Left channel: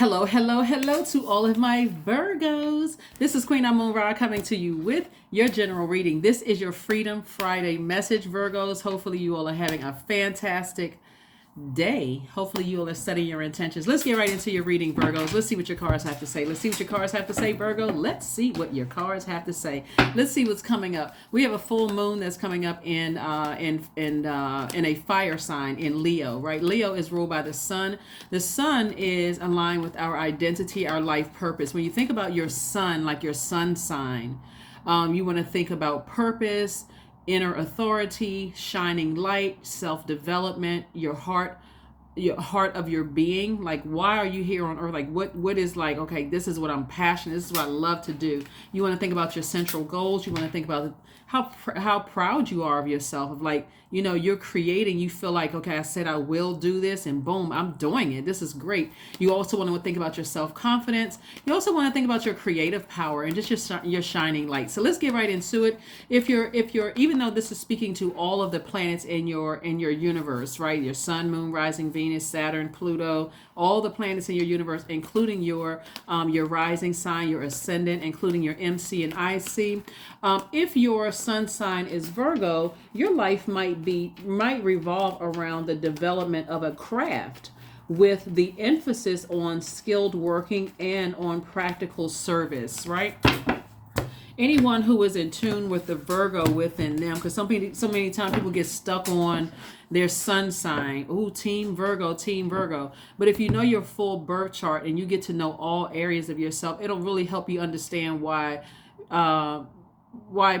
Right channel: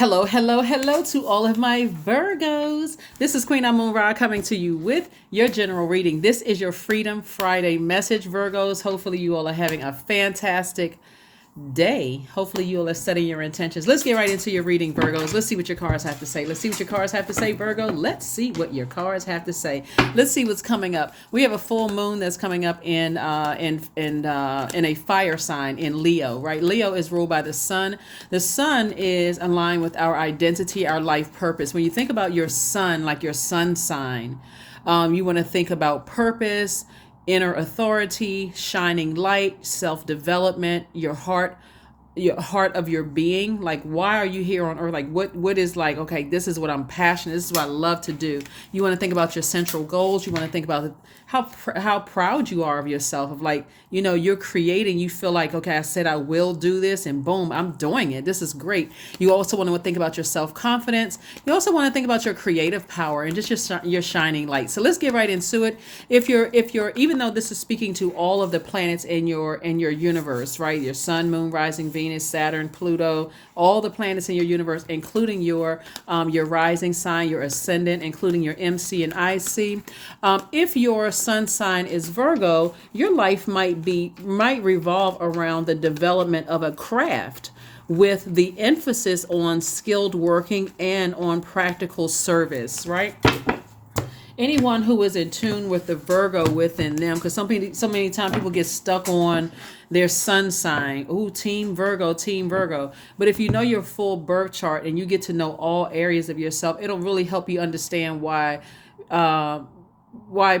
Hello, hello, hello to all of my Virgos. This is Queen Amun Ra coming to you with your general reading. This is your Freedom Friday message, Virgos. Hopefully, you all are having a fantastic day. Hopefully, you all are setting your intentions. Let's get right into your reading, Virgos. Let's see what your cards have to say. Let's see what your cards have to say, Virgo. Let's see what your cards have to say. Let's see what's coming up. We have a full moon that's coming up in a fire sign in Leo. Right? Leo is ruled by the sun. The sun is aligned with our identity, our life purpose. When you think about your sun, like your sun sign, you want to think about purpose, inner authority, shining light, self-development, your heart of your being. Like, why are you here on earth? Like, what is, like, okay, this is what I'm passionate, this is what I love to do. You want to think about your central goals. You want to think about how proud you are of yourself, of, like, you're creating, you feel like, okay, I said I will do this, and boom, I'm doing it. This is great. You also want to think about your self-confidence. You also want to think about your creative power and just your shining light. So let's get right into it. If you're even though this is speaking to all of the planets in your universe, right? Your sun, moon, rising, Venus, Saturn, Pluto, all the planets in your universe, including your rising sign, your ascendant, including your MC and IC. If your sun sign is Virgo, your life might revolve around the development of a craft, with the emphasis on skilled working and on practical service, right? Anyone who is in tune with the Virgo within them, because so many times people get stuck on their sun sign. Ooh, team Virgo, team Virgo. But if you know your full birth chart and you get to know all areas of yourself, it'll really help you understand why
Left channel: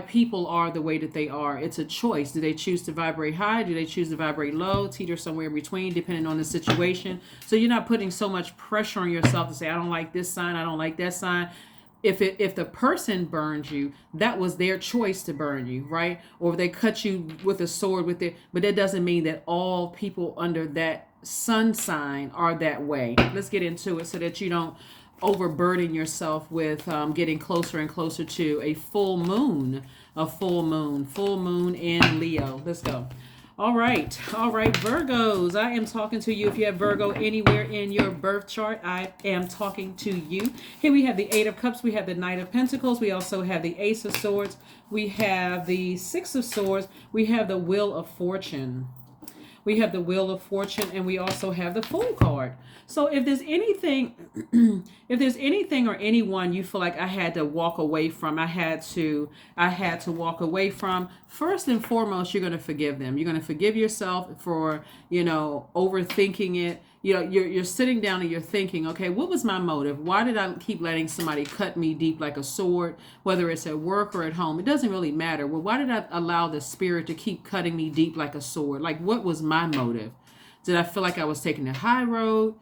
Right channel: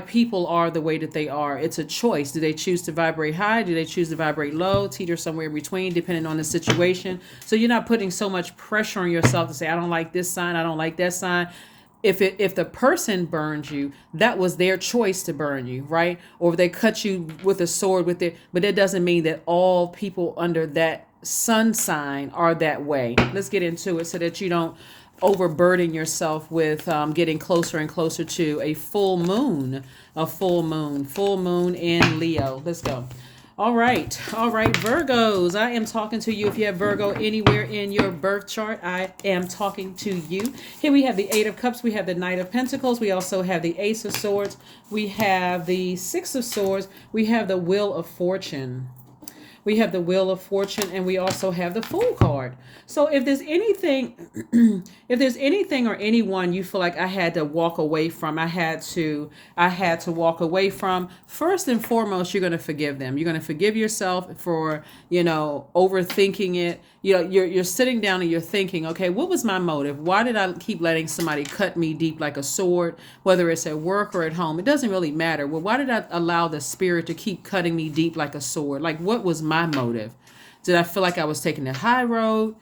people are the way that they are. It's a choice. Do they choose to vibrate high? Do they choose to vibrate low? Teeter somewhere in between, depending on the situation. So you're not putting so much pressure on yourself to say, I don't like this sign, I don't like that sign. If the person burns you, that was their choice to burn you, right? Or if they cut you with a sword but that doesn't mean that all people under that sun sign are that way. Let's get into it so that you don't overburden yourself with getting closer and closer to a full moon in Leo. Let's go. All right, Virgos. I am talking to you. If you have Virgo anywhere in your birth chart, I am talking to you. Here we have the Eight of Cups. We have the Knight of Pentacles. We also have the Ace of Swords. We have the Six of Swords. We have the Wheel of Fortune. And we also have the Fool card. So if there's anything, or anyone you feel like I had to walk away from, I had to walk away from, first and foremost, you're going to forgive them. You're going to forgive yourself for, overthinking it. You're sitting down and you're thinking, okay, what was my motive? Why did I keep letting somebody cut me deep like a sword, whether it's at work or at home? It doesn't really matter. Well, why did I allow the spirit to keep cutting me deep like a sword? Like, what was my motive? Did I feel like I was taking the high road?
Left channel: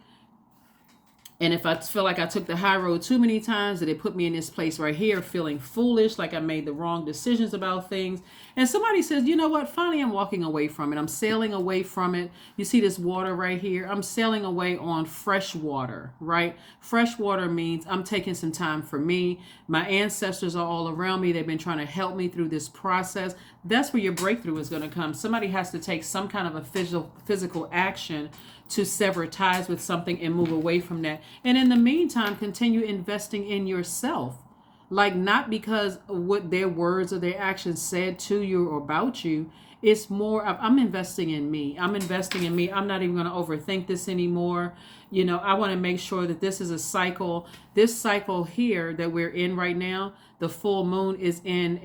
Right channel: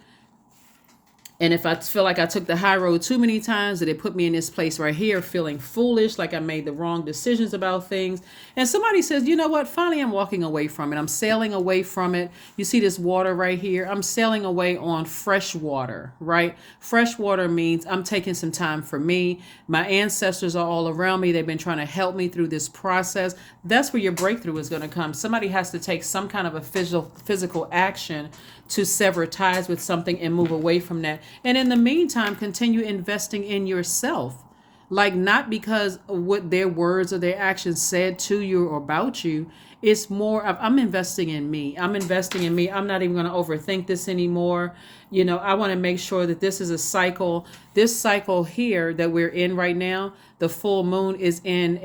And if I feel like I took the high road too many times, did it put me in this place right here feeling foolish, like I made the wrong decisions about things? And somebody says, you know what, finally I'm walking away from it. I'm sailing away from it. You see this water right here? I'm sailing away on fresh water, right? Fresh water means I'm taking some time for me. My ancestors are all around me. They've been trying to help me through this process. That's where your breakthrough is going to come. Somebody has to take some kind of a physical action to sever ties with something and move away from that. And in the meantime, continue investing in yourself. Like, not because of what their words or their actions said to you or about you. It's more of, I'm investing in me. I'm not even going to overthink this anymore. I want to make sure that this is a cycle. This cycle here that we're in right now, the full moon is in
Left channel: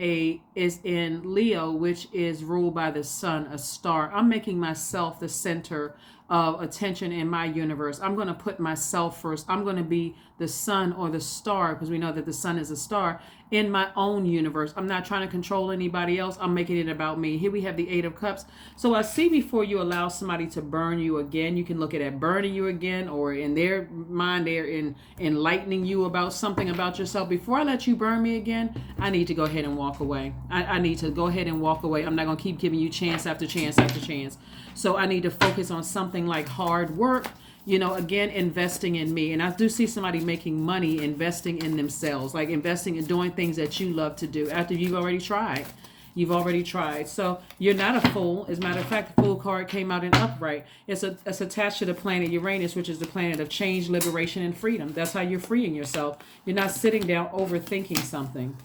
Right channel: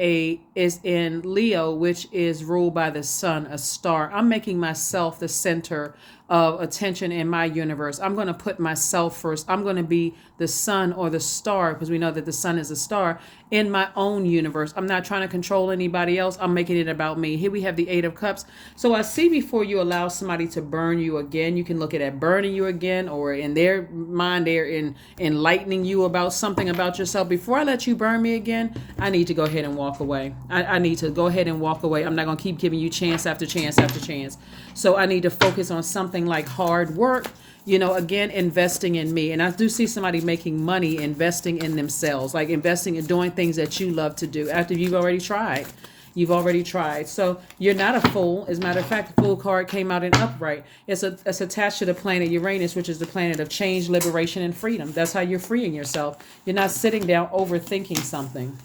Leo, which is ruled by the sun, a star. I'm making myself the center of attention in my universe. I'm going to put myself first. I'm going to be the sun or the star, because we know that the sun is a star, in my own universe. I'm not trying to control anybody else. I'm making it about me. Here we have the Eight of Cups. So I see, before you allow somebody to burn you again, you can look at it burning you again, or in their mind, they're enlightening you about something about yourself. Before I let you burn me again, I need to go ahead and walk away. I need to go ahead and walk away. I'm not going to keep giving you chance after chance after chance. So I need to focus on something like hard work, again, investing in me. And I do see somebody making money, investing in themselves, like investing in doing things that you love to do after you've already tried. You've already tried. So you're not a fool. As a matter of fact, the Fool card came out in upright. It's attached to the planet Uranus, which is the planet of change, liberation, and freedom. That's how you're freeing yourself. You're not sitting down overthinking something.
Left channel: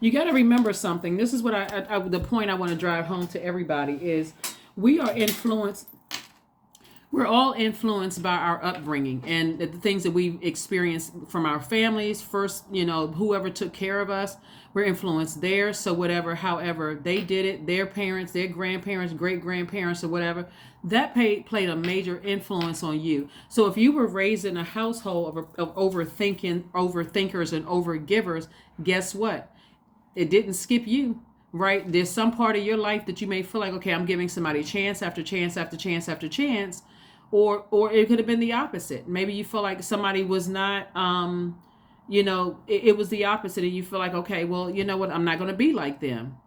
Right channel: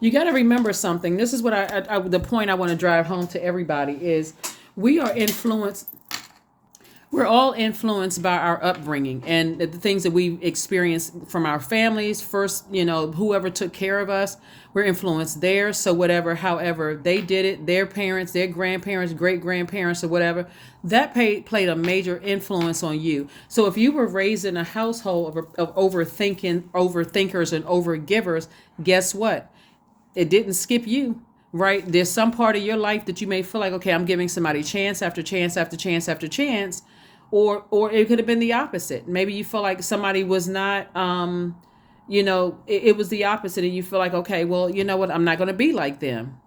You got to remember something. This is what the point I want to drive home to everybody is we are influenced. We're all influenced by our upbringing and the things that we've experienced from our families. First, whoever took care of us, we're influenced there. So whatever, however they did it, their parents, their grandparents, great grandparents, or whatever, that played a major influence on you. So if you were raised in a household of overthinkers and overgivers, guess what? It didn't skip you, right? There's some part of your life that you may feel like, okay, I'm giving somebody chance after chance after chance after chance. Or it could have been the opposite. Maybe you feel like somebody was not, it was the opposite. And you feel like, okay, well, you know what? I'm not going to be like them.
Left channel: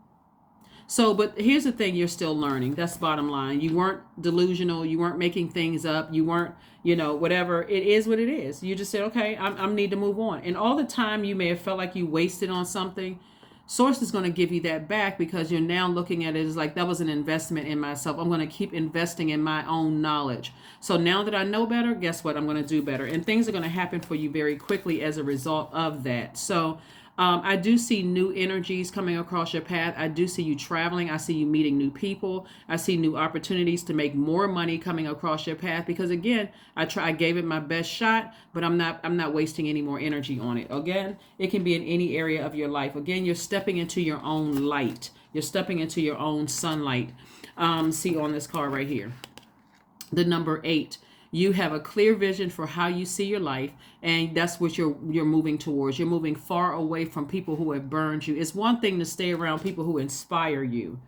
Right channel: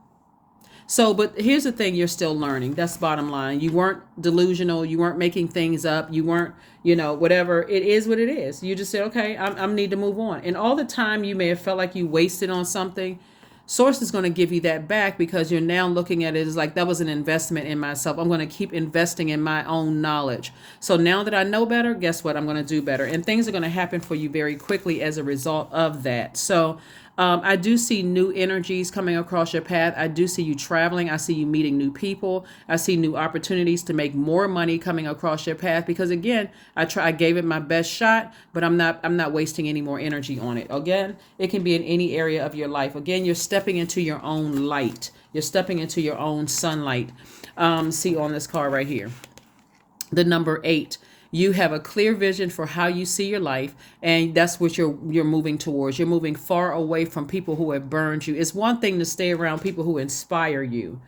So, but here's the thing, you're still learning. That's bottom line. You weren't delusional. You weren't making things up. You weren't, whatever. It is what it is. You just said, okay, I need to move on. And all the time you may have felt like you wasted on something, Source is going to give you that back because you're now looking at it as like that was an investment in myself. I'm going to keep investing in my own knowledge. So now that I know better, guess what? I'm going to do better. And things are going to happen for you very quickly as a result of that. So I do see new energies coming across your path. I do see you traveling. I see you meeting new people. I see new opportunities to make more money coming across your path because again, I gave it my best shot, but I'm not wasting any more energy on it. Again, it can be in any area of your life. Again, you're stepping into your own light. You're stepping into your own sunlight. See on this card right here, the number 8. You have a clear vision for how you see your life, and that's what you're moving towards. You're moving far away from people who have burned you. It's one thing to stay around people who inspire you,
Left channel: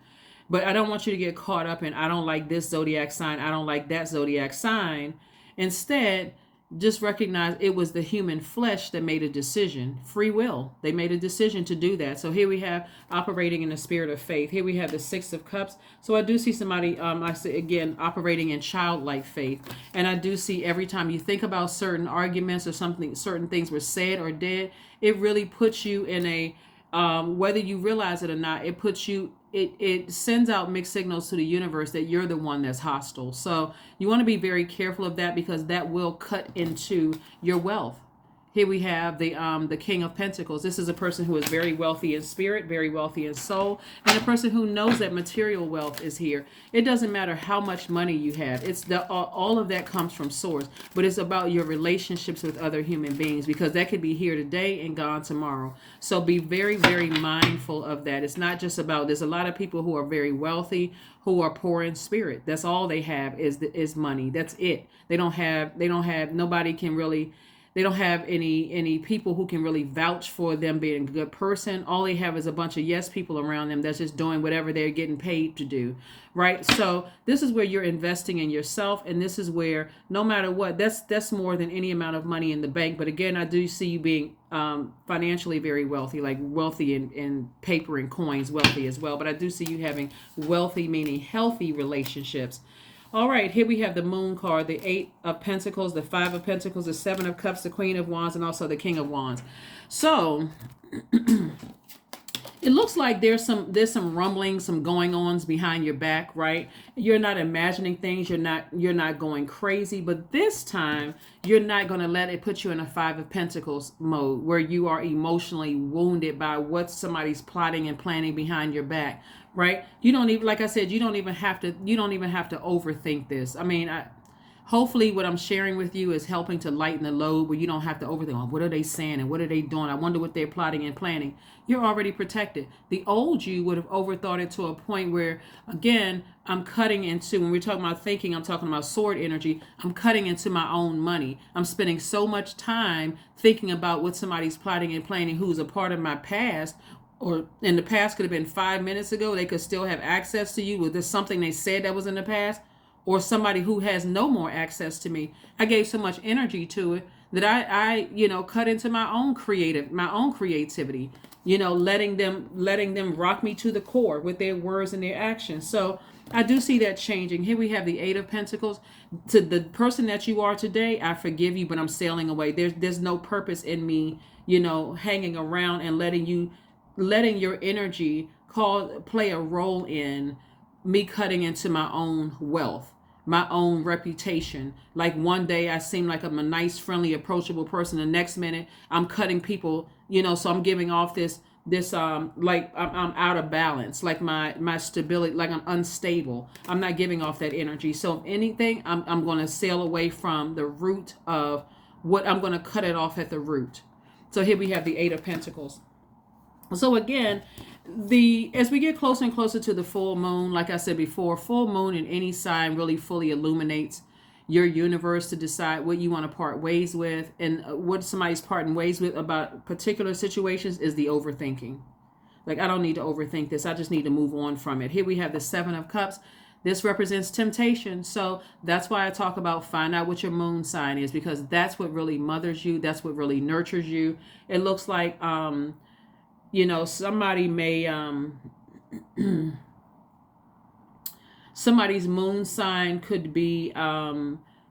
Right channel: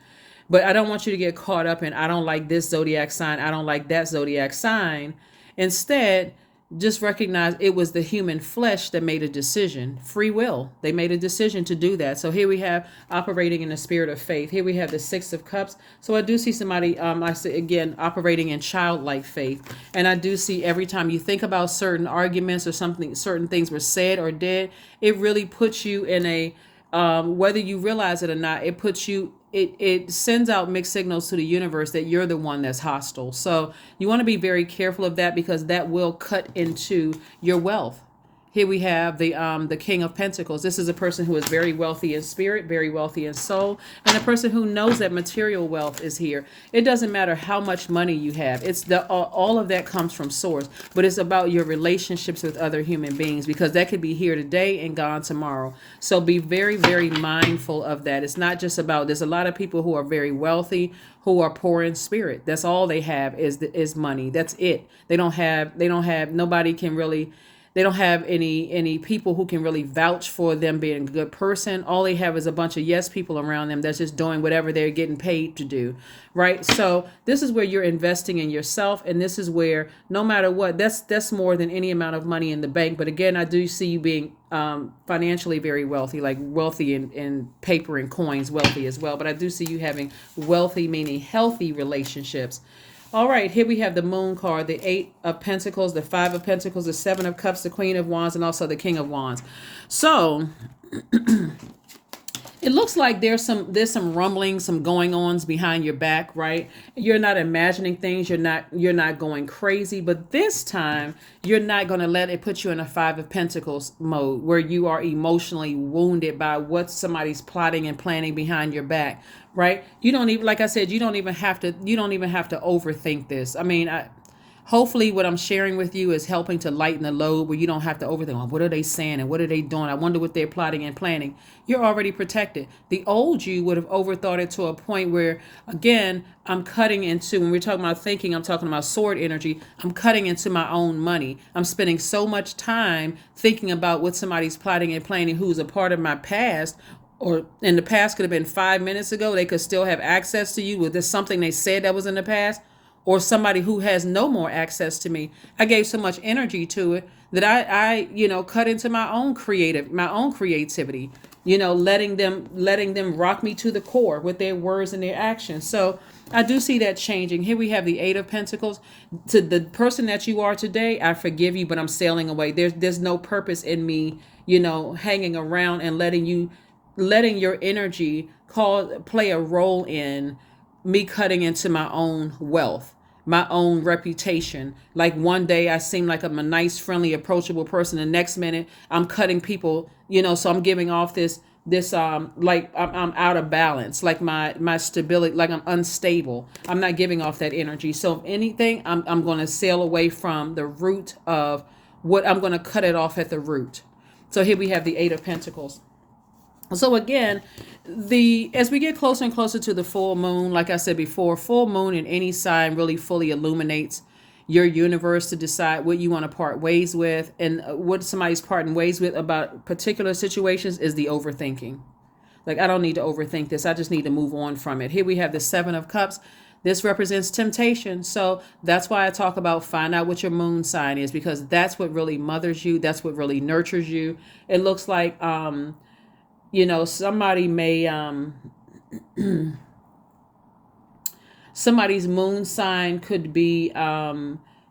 but I don't want you to get caught up in I don't like this zodiac sign, I don't like that zodiac sign. Instead, just recognize it was the human flesh that made a decision. Free will. They made a decision to do that. So here we have operating in the spirit of faith. Here we have the 6 of Cups. So I do see somebody, I say again, operating in childlike faith. And I do see every time you think about certain arguments or something, certain things were said or did, it really puts you in a, whether you realize it or not, it puts you, it sends out mixed signals to the universe that you're the one that's hostile. So you want to be very careful of that because that will cut into your wealth. Here we have the King of Pentacles. This is a person who is very wealthy in spirit, very wealthy in soul, and a person who knows that material wealth is here. It doesn't matter how much money you have. It's all of that comes from source, but it's about your relationships with other human beings because that could be here today and gone tomorrow. So be very, very mindful of that. It's not just about, there's a lot of people who are very wealthy who are poor in spirit. That's all they have is money. That's it. They don't have nobody can really, they don't have any people who can really vouch for them being a good person. All they have is a bunch of yes people around them that's just doing whatever they're getting paid to do, right? So this is where you're investing in yourself, and this is where no matter what, that's more than any amount of money in the bank. But again, I do see you being financially very wealthy, like wealthy in paper and coins, wealthy as well. But I do see you having wealthy, meaning healthy relationships. All right, here we have the Moon card, the 8 of Pentacles, the 5 of Pentacles, the 7 of Cups, the Queen of Wands, and also the King of Wands. So it looks like there's some rumbling, some going ons behind your back, right? You're not imagining things, you're not going crazy, but this time you're not going to let it put you in a 5 of Pentacles mode where you are emotionally wounded by what somebody's plotting and planning behind your back. Right? You don't even, like I said, you don't even have to overthink this. I mean, hopefully what I'm sharing with you is helping to lighten the load where you don't have to overthink, oh, what are they saying and what are they doing? I wonder what they're plotting and planning. You're already protected. The old you would have overthought it to a point where, again, I'm cutting into, when we're talking about thinking, I'm talking about sword energy, I'm cutting into my own money. I'm spending so much time thinking about what somebody's plotting and planning who's a part of my past, or in the past could have been 5 minutes ago. They could still have access to you. Was this something they said that was in the past? Or somebody who has no more access to me. I gave so much energy to it that I cut into my own creativity, letting them rock me to the core with their words and their actions. So I do see that changing. Here we have the 8 of Pentacles. To the person that you are today, I forgive you, but I'm sailing away. There's no purpose in me, hanging around and letting your energy play a role in me cutting into my own wealth, my own reputation. Like one day I seem like I'm a nice, friendly, approachable person. The next minute I'm cutting people, so I'm giving off this like I'm out of balance, like my stability, like I'm unstable. I'm not giving off that energy. So if anything, I'm going to sail away from the root of what I'm going to cut it off at the root. So here we have the Eight of Pentacles. So again, as we get closer and closer to the full moon, like I said before, full moon in any sign really fully illuminates your universe to decide what you want to part ways with. And what somebody's parting ways with about particular situations is the overthinking. Like, I don't need to overthink this. I just need to move on from it. Here we have the Seven of Cups. This represents temptation. So that's why I talk about find out what your moon sign is, because that's what really mothers you. That's what really nurtures you. It looks like, somebody may, somebody's moon sign could be,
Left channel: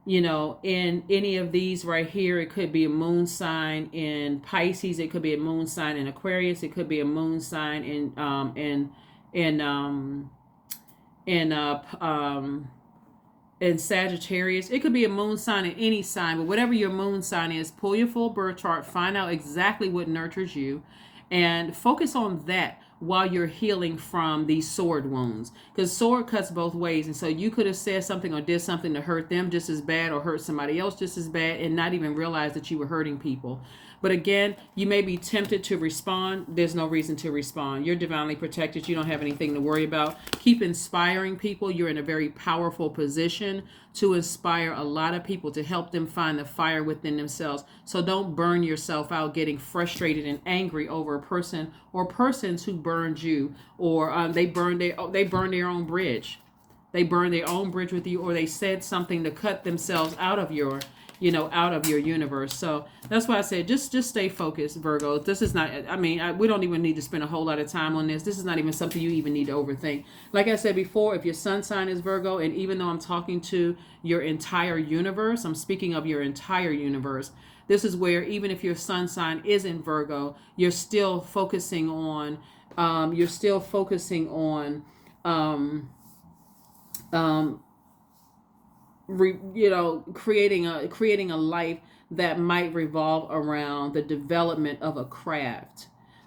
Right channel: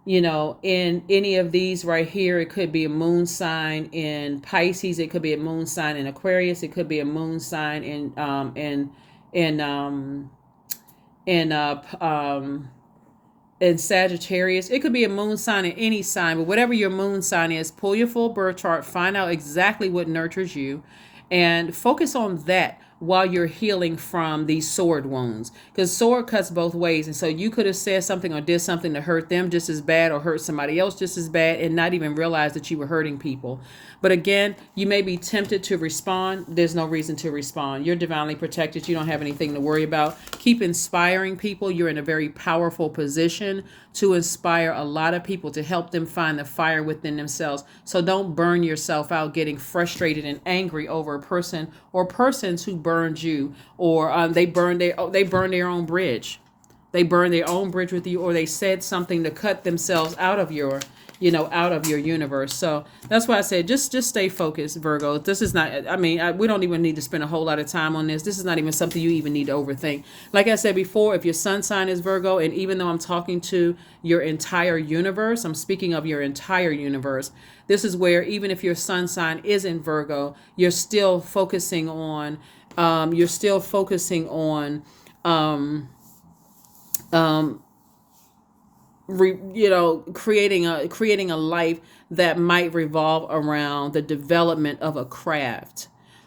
in any of these right here. It could be a moon sign in Pisces. It could be a moon sign in Aquarius. It could be a moon sign in Sagittarius. It could be a moon sign in any sign, but whatever your moon sign is, pull your full birth chart, find out exactly what nurtures you, and focus on that while you're healing from these sword wounds, because sword cuts both ways. And so you could have said something or did something to hurt them just as bad, or hurt somebody else just as bad, and not even realize that you were hurting people. But again, you may be tempted to respond. There's no reason to respond. You're divinely protected. You don't have anything to worry about. Keep inspiring people. You're in a very powerful position to inspire a lot of people, to help them find the fire within themselves. So don't burn yourself out getting frustrated and angry over a person or persons who burned you, or they burned their own bridge. They burned their own bridge with you, or they said something to cut themselves out of your universe. So that's why I said, just stay focused, Virgo. This is not, we don't even need to spend a whole lot of time on this. This is not even something you even need to overthink. Like I said before, if your sun sign is Virgo, and even though I'm talking to your entire universe, I'm speaking of your entire universe. This is where, even if your sun sign isn't Virgo, you're still focusing on, creating a life that might revolve around the development of a craft,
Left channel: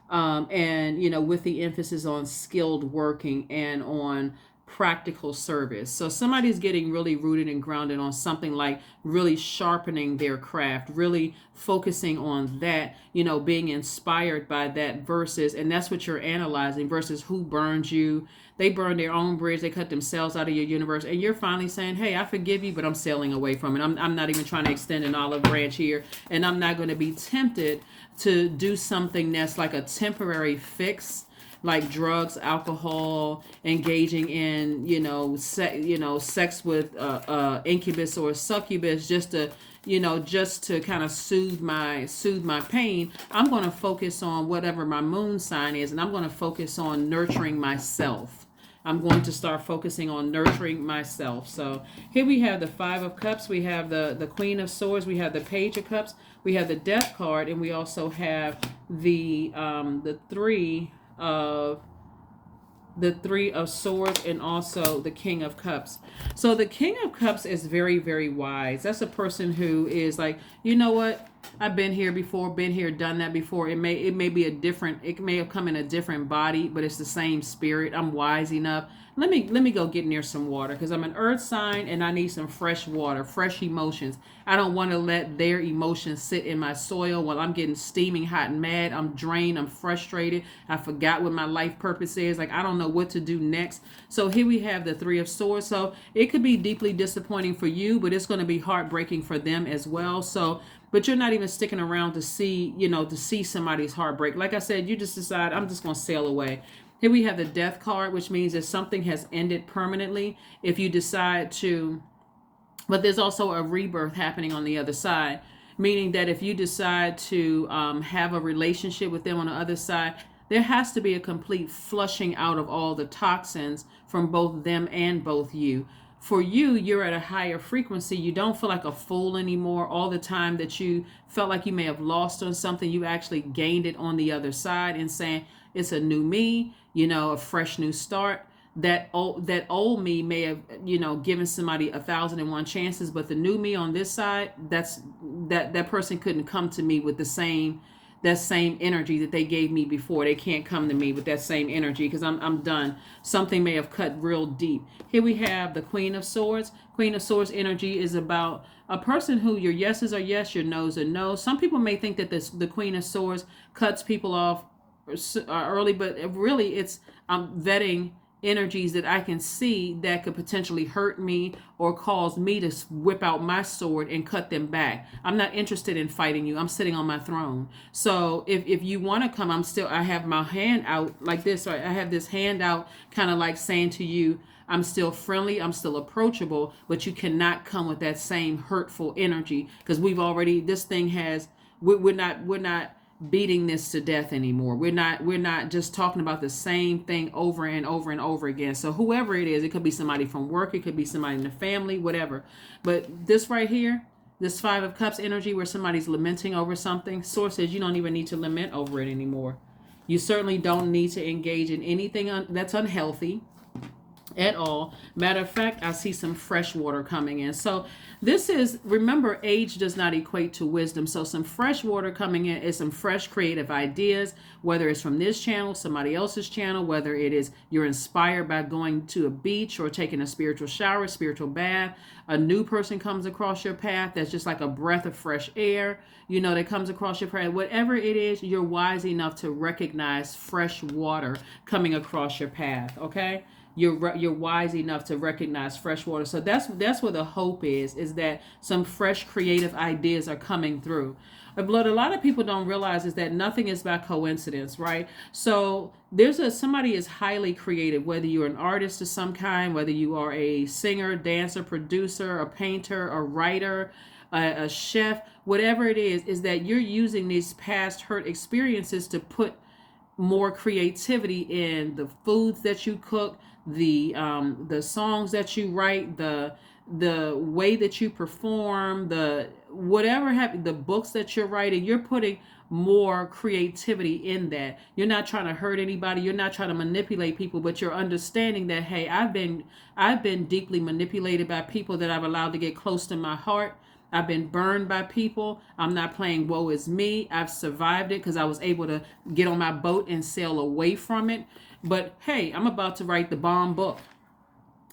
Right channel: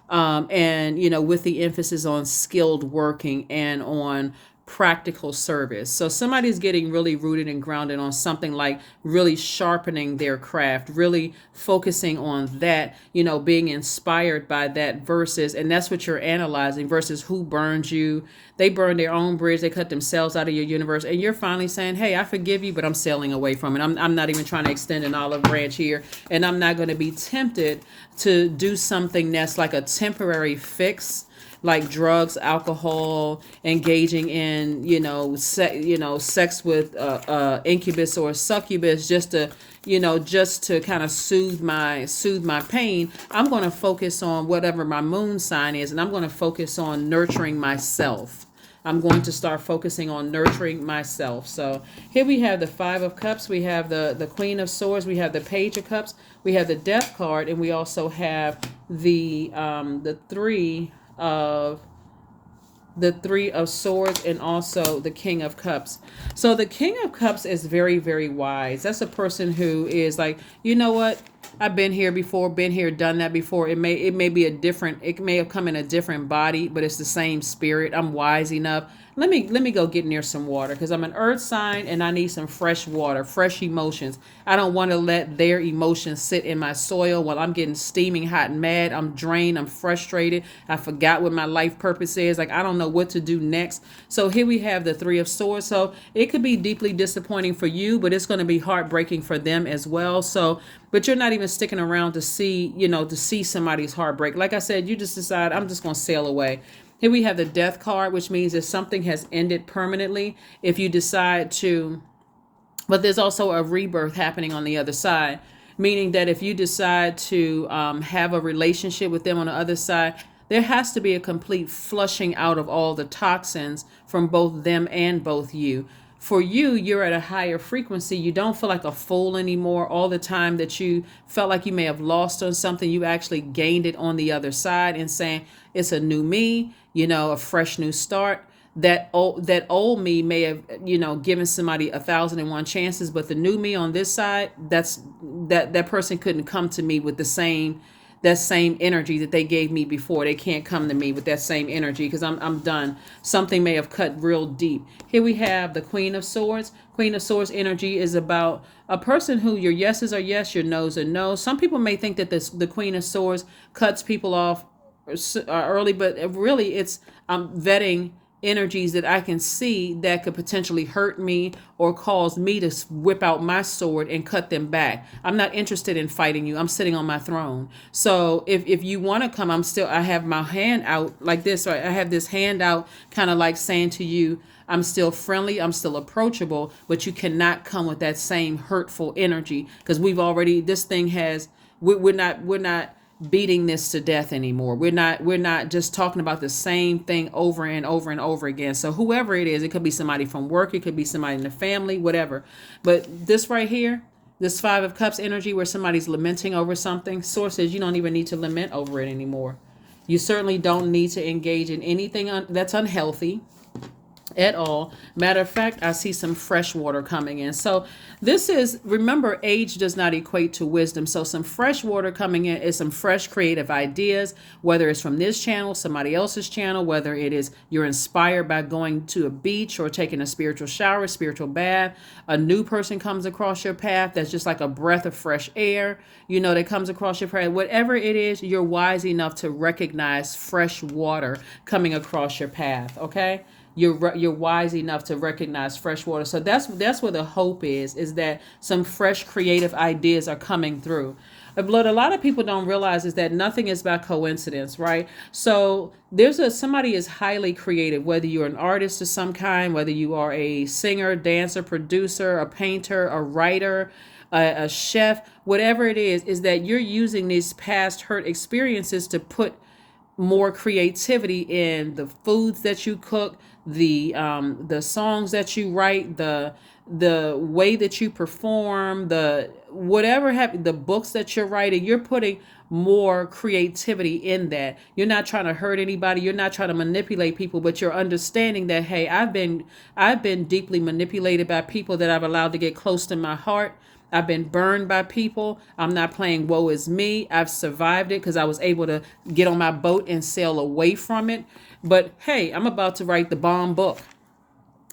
and with the emphasis on skilled working and on practical service. So somebody's getting really rooted and grounded on something like really sharpening their craft, really focusing on that, being inspired by that, versus, and that's what you're analyzing, versus who burned you. They burned their own bridge. They cut themselves out of your universe. And you're finally saying, hey, I forgive you, but I'm sailing away from it. I'm not even trying to extend an olive branch here. And I'm not going to be tempted to do something that's like a temporary fix, like drugs, alcohol, engaging in, sex with incubus or succubus, just to kind of soothe my pain. I'm going to focus on whatever my moon sign is, and I'm going to focus on nurturing myself. I'm going to start focusing on nurturing myself. So here we have the Five of Cups. We have the Queen of Swords. We have the Page of Cups. We have the Death card, and we also have the Three of Swords, and also the King of Cups. So the King of Cups is very, very wise. That's a person who is like, you know what? I've been here before, been here, done that before. It may have come in a different body, but it's the same spirit. I'm wise enough. Let me go get near some water, because I'm an earth sign and I need some fresh water, fresh emotions. I don't want to let their emotions sit in my soil while I'm getting steaming hot and mad. I'm drained. I'm frustrated. I forgot what my life purpose is. Like, I don't know what to do next. So here we have the Three of Swords. So it could be deeply disappointing for you, but it's going to be heartbreaking for them as well. So, but you're not even sticking around to see somebody's heartbreak. Like I said, you just decide, I'm just going to sail away. Here we have the Death card, which means that something has ended permanently. If you decide to, but there's also a rebirth happening on the other side, meaning that if you decide to have a relationship with them on the other side, there has to be a complete flushing out of all the toxins from both them and both you. For you, you're at a higher frequency. You don't feel like a fool anymore. All the time that you felt like you may have lost on something, you actually gained it on the other side, and saying, It's a new me, a fresh new start. That old me may have, given somebody 1,001 chances, but the new me on this side, that person couldn't come to me with that same energy that they gave me before. They can't come to me with that same energy because I'm done. Something may have cut real deep. Here we have the Queen of Swords. Queen of Swords energy is about a person who your yeses are yes, your nos are no. Some people may think that the Queen of Swords cuts people off early, but really it's vetting energies that I can see that could potentially hurt me or cause me to whip out my sword and cut them back. I'm not interested in fighting you. I'm sitting on my throne. So if you want to come, I have my hand out like this. Right? I have this hand out kind of like saying to you, I'm still friendly, I'm still approachable, but you cannot come with that same hurtful energy because we're not beating this to death anymore. We're not just talking about the same thing over and over and over again. So whoever it is, it could be somebody from work, it could be somebody in the family, whatever. But this right here, this Five of Cups energy where somebody's lamenting over something, Source says you don't even need to lament over it anymore. You certainly don't need to engage in anything that's unhealthy at all. Matter of fact, I see some fresh water coming in. So remember, age does not equate to wisdom. So some fresh water coming in is some fresh creative ideas, whether it's from this channel, somebody else's channel, whether it is you're inspired by going to a beach or taking a spiritual shower, spiritual bath. A new person comes across your path that's just like a breath of fresh air, that comes across your path. Whatever it is, you're wise enough to recognize fresh water coming across your path, okay? You're wise enough to recognize fresh water. So that's where the hope is that some fresh creative ideas are coming through. But a lot of people don't realize is that nothing is by coincidence, right? So somebody is highly creative, whether you're an artist of some kind, whether you are a singer, dancer, producer, a painter, a writer, a chef, whatever it is that you're using these past hurt experiences to put more creativity in the foods that you cook, the songs that you write, the way that you perform, the books that you're writing. You're putting more creativity in that. You're not trying to hurt anybody. You're not trying to manipulate people, but you're understanding that, hey, I've been deeply manipulated by people that I've allowed to get close to my heart. I've been burned by people. I'm not playing woe is me. I've survived it because I was able to get on my boat and sail away from it. But hey, I'm about to write the bomb book.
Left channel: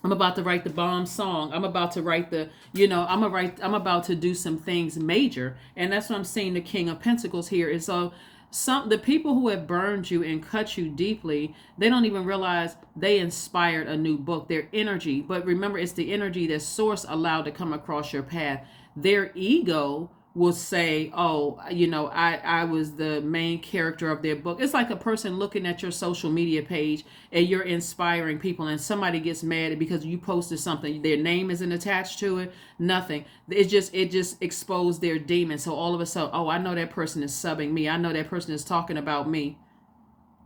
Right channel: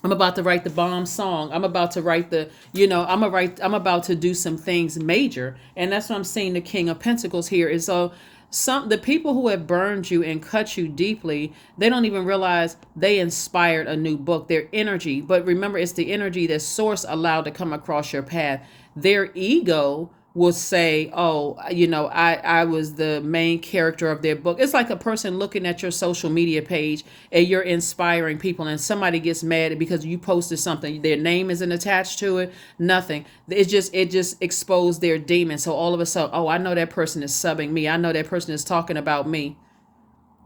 I'm about to write the bomb song. I'm about to write I'm about to do some things major. And that's what I'm seeing the King of Pentacles here is the people who have burned you and cut you deeply, they don't even realize they inspired a new book, their energy. But remember, it's the energy that Source allowed to come across your path. Their ego will say, oh, I was the main character of their book. It's like a person looking at your social media page and you're inspiring people and somebody gets mad because you posted something. Their name isn't attached to it. Nothing. It just exposed their demon. So all of a sudden, oh, I know that person is subbing me. I know that person is talking about me.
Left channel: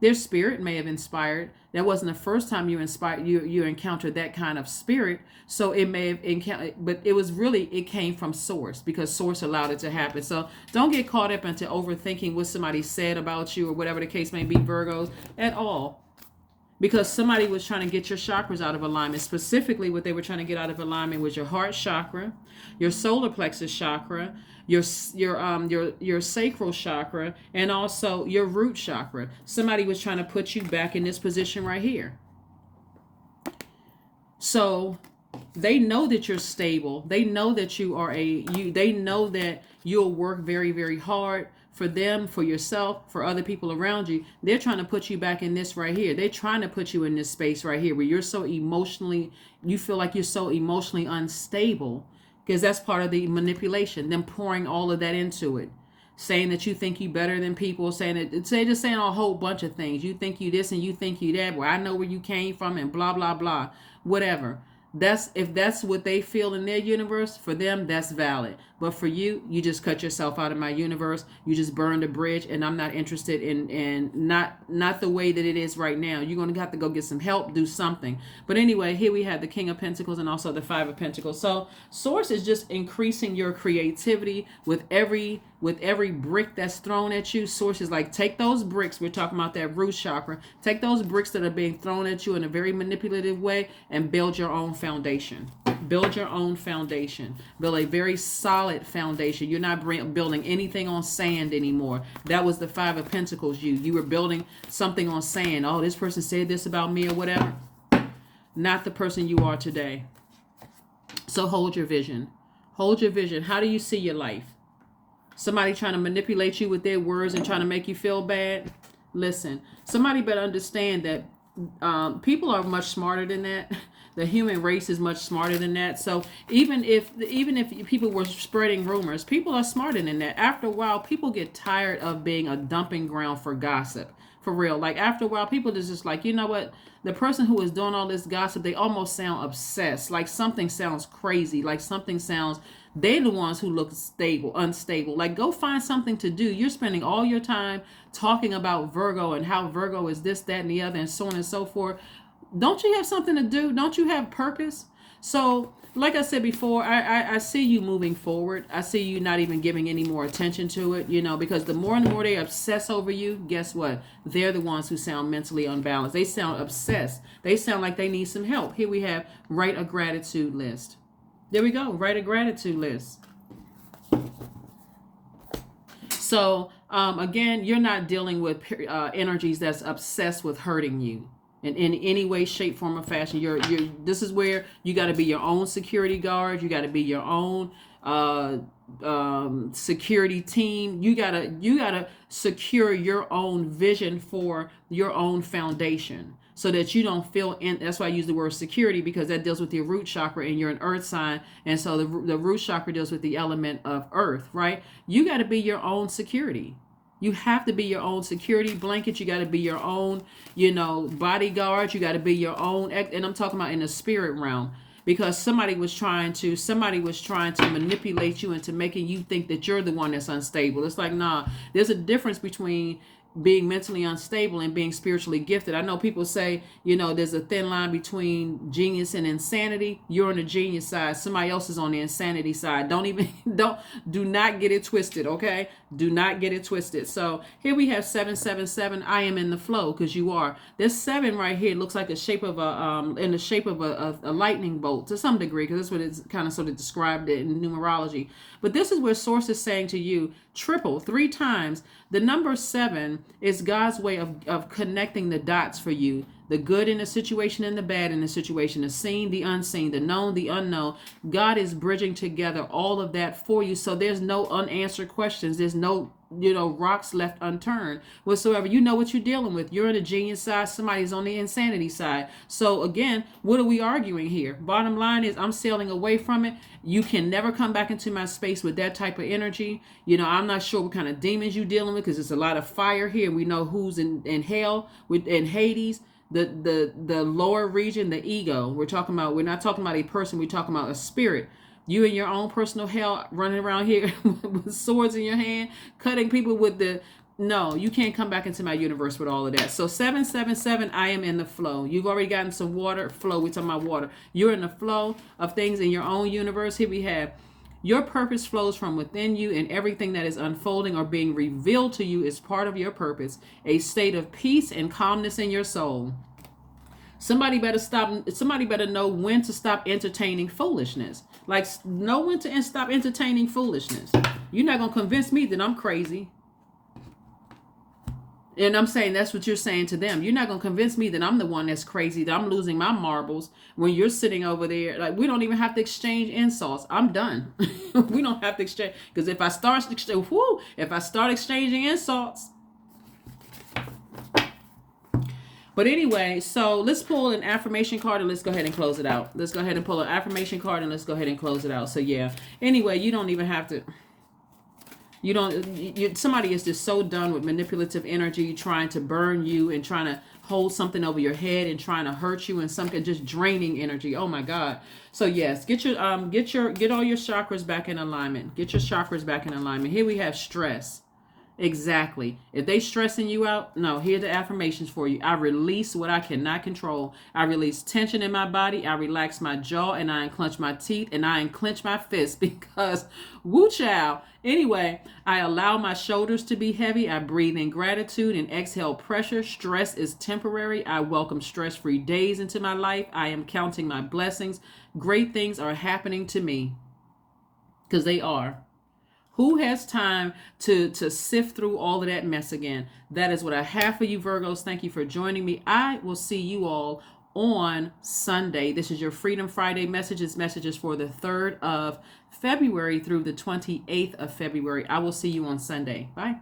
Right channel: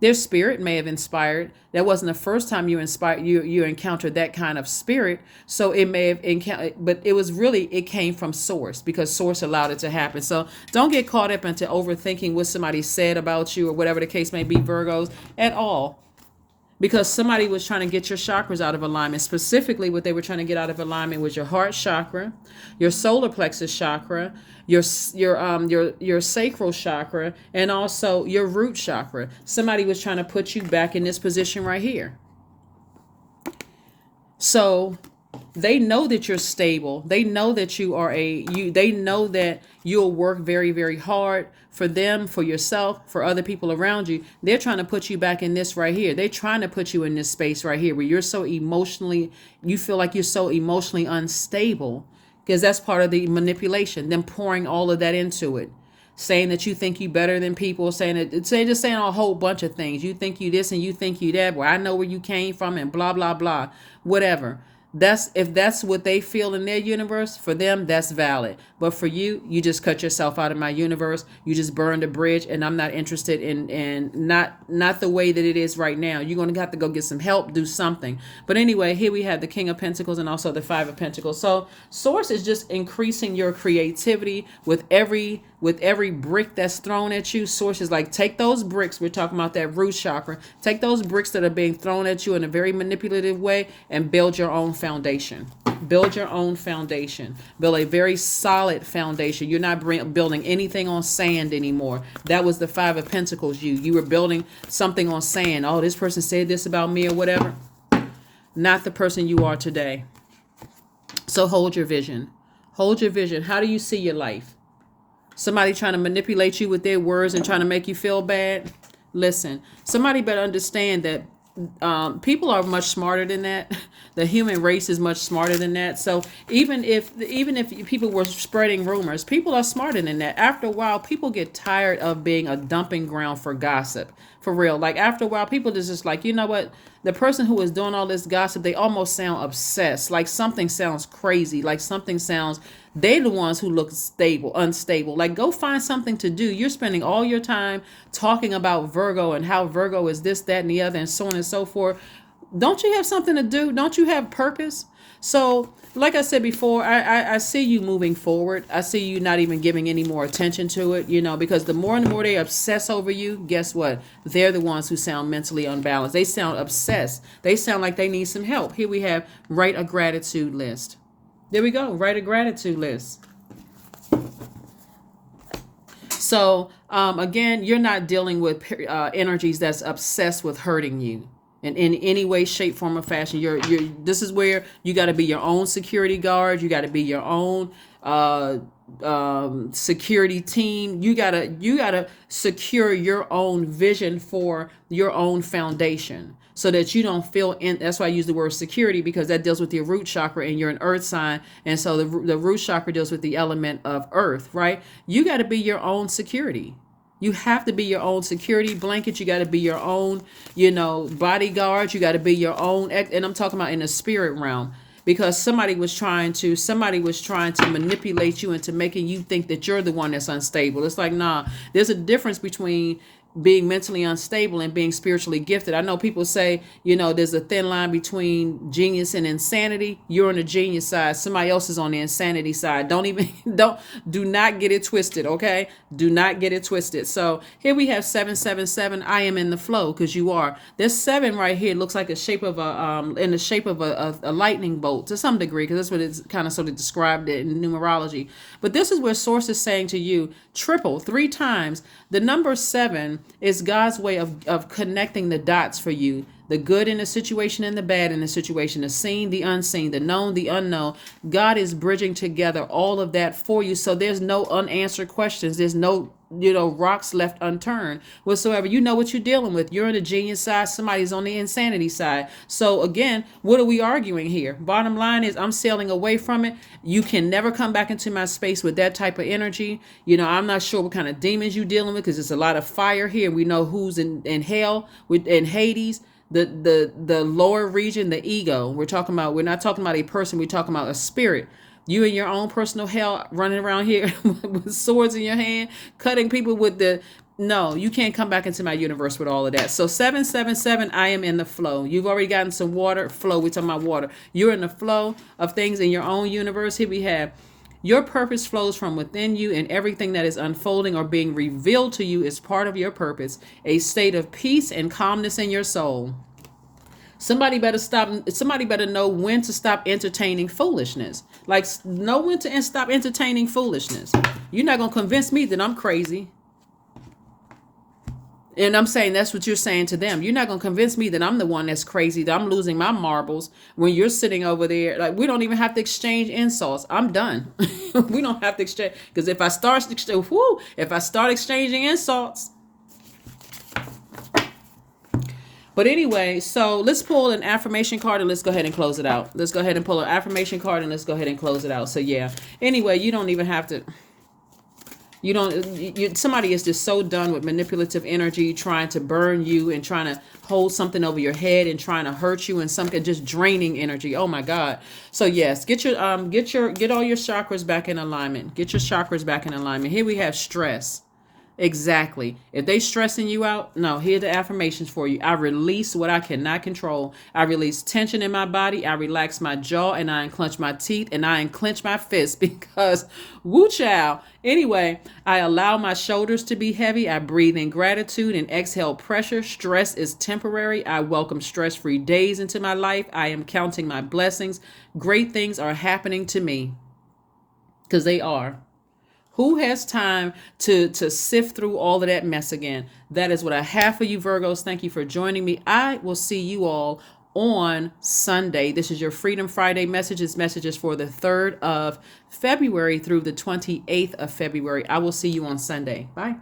Their spirit may have inspired. That wasn't the first time you encountered that kind of spirit. So it may have encountered, but it came from Source because Source allowed it to happen. So don't get caught up into overthinking what somebody said about you or whatever the case may be, Virgos, at all. Because somebody was trying to get your chakras out of alignment. Specifically, what they were trying to get out of alignment was your heart chakra, your solar plexus chakra, your sacral chakra, and also your root chakra. Somebody was trying to put you back in this position right here. So they know that you're stable. They know that they know that you'll work very, very hard for them, for yourself, for other people around you. They're trying to put you back in this right here. They're trying to put you in this space right here where you feel like you're so emotionally unstable, because that's part of the manipulation, them pouring all of that into it, saying that you think you better than people, saying a whole bunch of things. You think you this and you think you that. Well, I know where you came from and blah, blah, blah, whatever. If that's what they feel in their universe, for them, that's valid. But for you, you just cut yourself out of my universe. You just burned a bridge, and I'm not interested in not the way that it is right now. You're going to have to go get some help, do something. But anyway, here we have the King of Pentacles and also the Five of Pentacles. So Source is just increasing your creativity with every with every brick that's thrown at you, source is like, take those bricks. We're talking about that root chakra. Take those bricks that are being thrown at you in a very manipulative way and build your own foundation. Build your own foundation. Build a very solid foundation. You're not building anything on sand anymore. That was the Five of Pentacles. You were building something on sand. Oh, this person said this about me or whatever. Not the person you are today. So hold your vision. Hold your vision. How do you see your life? Somebody trying to manipulate you with their words and trying to make you feel bad? Listen, somebody better understand that people are much smarter than that. The human race is much smarter than that. So even if people were spreading rumors, people are smarter than that. After a while, people get tired of being a dumping ground for gossip. For real. Like after a while, people just like, you know what? The person who is doing all this gossip, they almost sound obsessed. Like something sounds crazy. Like something sounds, they're the ones who look unstable. Like go find something to do. You're spending all your time talking about Virgo and how Virgo is this, that, and the other, and so on and so forth. Don't you have something to do? Don't you have purpose? So, like I said before, I see you moving forward. I see you not even giving any more attention to it, because the more and more they obsess over you, guess what? They're the ones who sound mentally unbalanced. They sound obsessed. They sound like they need some help. Here we have write a gratitude list. There we go. Write a gratitude list. So, again, you're not dealing with energies that's obsessed with hurting you. In any way, shape, form, or fashion. This is where you got to be your own security guard. You got to be your own security team. You gotta secure your own vision for your own foundation, so that you don't feel in. That's why I use the word security, because that deals with your root chakra, and you're an earth sign, and so the root chakra deals with the element of earth, right? You got to be your own security. You have to be your own security blanket. You got to be your own, bodyguard. You got to be your own. And I'm talking about in the spirit realm, because somebody was trying to manipulate you into making you think that you're the one that's unstable. It's like, nah, there's a difference between being mentally unstable and being spiritually gifted. I know people say, there's a thin line between genius and insanity. You're on the genius side. Somebody else is on the insanity side. Do not get it twisted. Okay. Do not get it twisted. So here we have 777. I am in the flow, because you are. This 7 right here looks like in the shape of a lightning bolt to some degree, because that's what it's kind of sort of described it in numerology. But this is where source is saying to you, triple 3 times. The number 7 is God's way of connecting the dots for you. The good in the situation and the bad in the situation, the seen, the unseen, the known, the unknown. God is bridging together all of that for you. So there's no unanswered questions. There's no, rocks left unturned whatsoever. You know what you're dealing with. You're on the genius side. Somebody's on the insanity side. So again, what are we arguing here? Bottom line is I'm sailing away from it. You can never come back into my space with that type of energy. I'm not sure what kind of demons you're dealing with, because there's a lot of fire here. We know who's in hell, in Hades. The lower region, the ego. We're not talking about a person. We're talking about a spirit. You in your own personal hell, running around here with swords in your hand, cutting people with no, you can't come back into my universe with all of that. So 777, I am in the flow. You've already gotten some water. Flow, we're talking about water. You're in the flow of things in your own universe. Here we have, your purpose flows from within you, and everything that is unfolding or being revealed to you is part of your purpose. A state of peace and calmness in your soul. Somebody better know when to stop entertaining foolishness. Like, know when to stop entertaining foolishness. You're not going to convince me that I'm crazy. And I'm saying that's what you're saying to them. You're not going to convince me that I'm the one that's crazy, that I'm losing my marbles when you're sitting over there. Like, we don't even have to exchange insults. I'm done. We don't have to exchange. Because if I start exchanging insults. But anyway, so let's pull an affirmation card and let's go ahead and close it out. Let's go ahead and pull an affirmation card and let's go ahead and close it out. So yeah. Anyway, you don't even have to. Somebody is just so done with manipulative energy, trying to burn you and trying to hold something over your head and trying to hurt you, and something just draining energy. Oh my God. So yes, get all your chakras back in alignment. Get your chakras back in alignment. Here we have stress. Exactly. If they stressing you out, no, here are the affirmations for you. I release what I cannot control. I release tension in my body. I relax my jaw and I unclench my teeth and I unclench my fists because woo chow. Anyway, I allow my shoulders to be heavy. I breathe in gratitude and exhale pressure. Stress is temporary. I welcome stress-free days into my life. I am counting my blessings. Great things are happening to me because they are. Who has time to sift through all of that mess again? That is what I have for you, Virgos. Thank you for joining me. I will see you all on Sunday. This is your Freedom Friday messages. Messages for the 3rd of February through the 28th of February. I will see you on Sunday. Bye.